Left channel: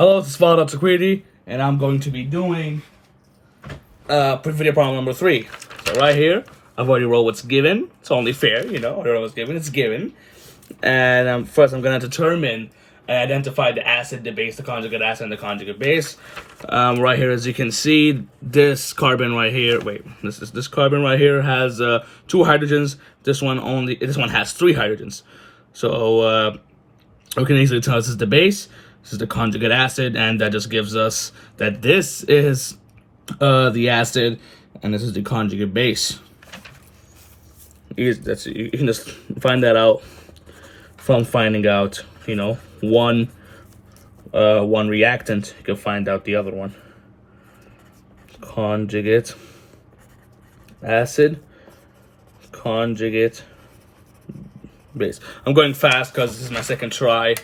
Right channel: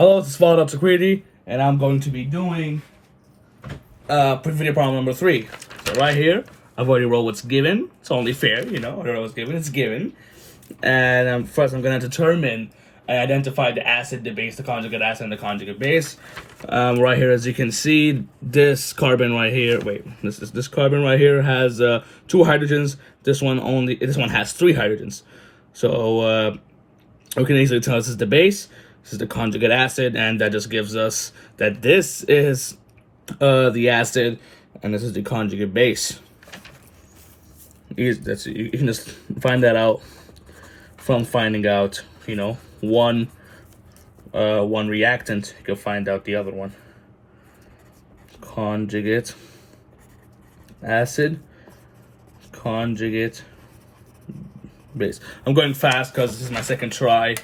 Hello, this is Al-tekreeti, and I'm going to be doing video problem number 3. So right here, I've already wrote what's given. It's only fair, you know. I don't know what's given. It's given. And first, I'm going to determine and identify the acid, the base, the conjugate acid, and the conjugate base. Right here, as you can see, this carbon right here. Wait, this carbon right here has 2 hydrogens. This one has 3 hydrogens. So we can easily tell this is the base. This is the conjugate acid, and that just gives us that this is the acid, and this is the conjugate base. You can just find that out from finding out, you know, one reactant. You can find out the other one. Conjugate acid, conjugate base. I'm going fast because this is my second try.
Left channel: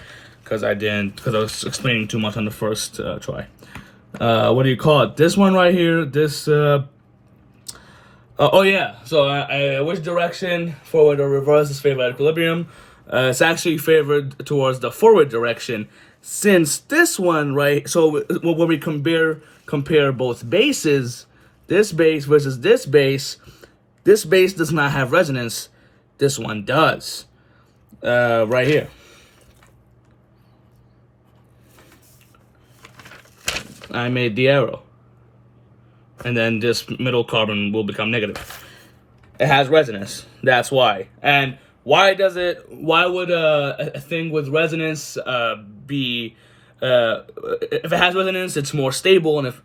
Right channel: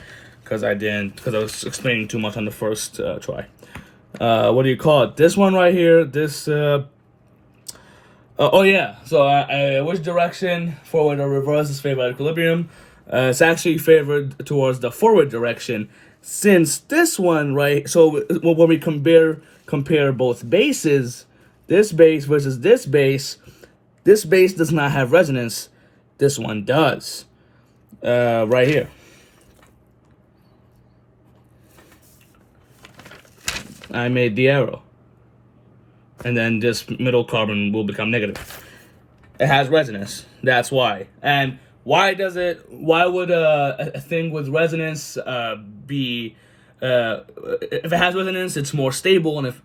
Because I was explaining too much on the first try. What do you call it? This one right here, this, oh yeah, so which direction, forward or reverse, is favored at equilibrium? It's actually favored towards the forward direction, since this one, right, so when we compare both bases, this base versus this base does not have resonance, this one does, right here. I made the arrow, and then this middle carbon will become negative. It has resonance, that's why. And why would a thing with resonance be, if it has resonance, it's more stable, and if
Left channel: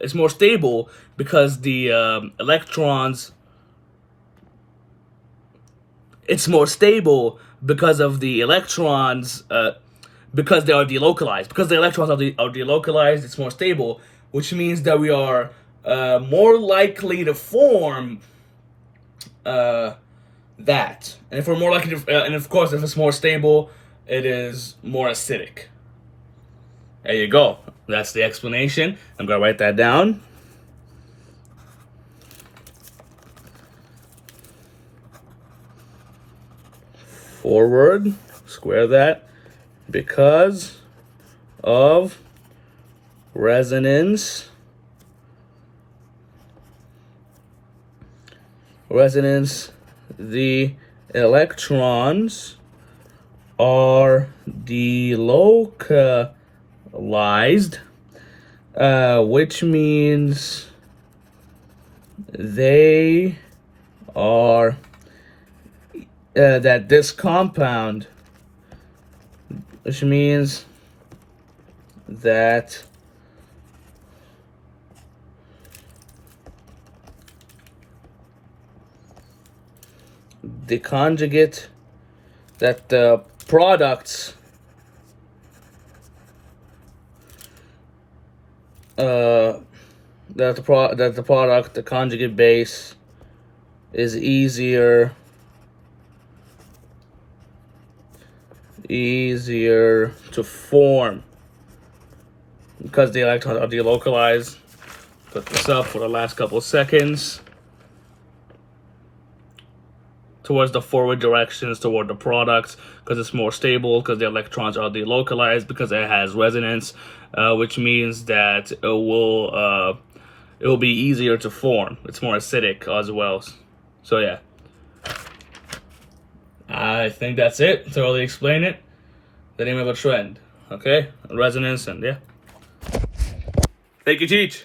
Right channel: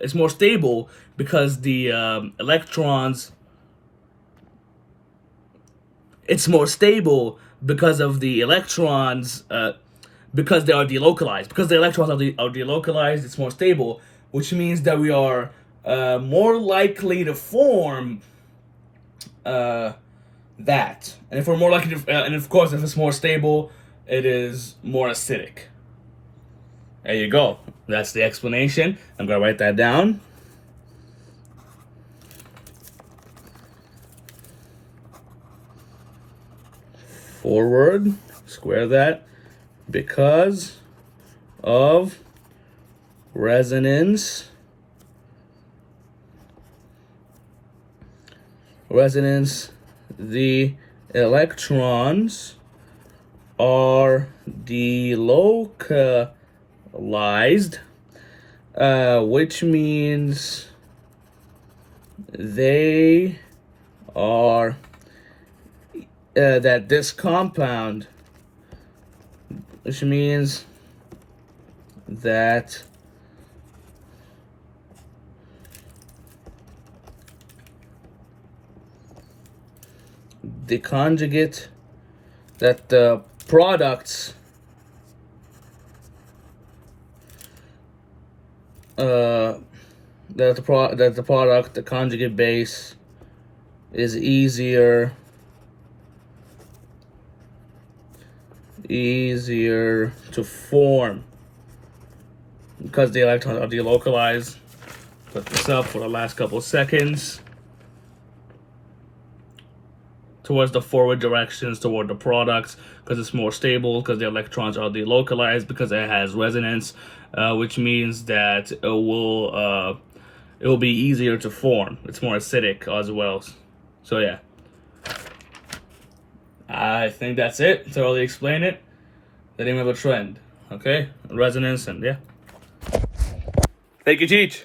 it's more stable because the electrons, it's more stable because of the electrons, because they are delocalized. Because the electrons are delocalized, it's more stable, which means that we are more likely to form that. And if we're more likely to, and of course, if it's more stable, it is more acidic. There you go. That's the explanation. I'm gonna write that down. Forward, square that. Because of resonance, the electrons are delocalized, which means they are, that this compound, which means that the conjugate, that the products the conjugate base is easier to form because the electrons are delocalized. Put this up for the last couple of seconds. Towards the forward directions, toward the products, because it's more stable, because the electrons are delocalized, because it has resonance, which means that it will be easier to form. It's more acidic as well. So yeah. I think that's it. Thoroughly explain it. The name of a trend. Okay? Resonance, and yeah. Thank you, Cheech.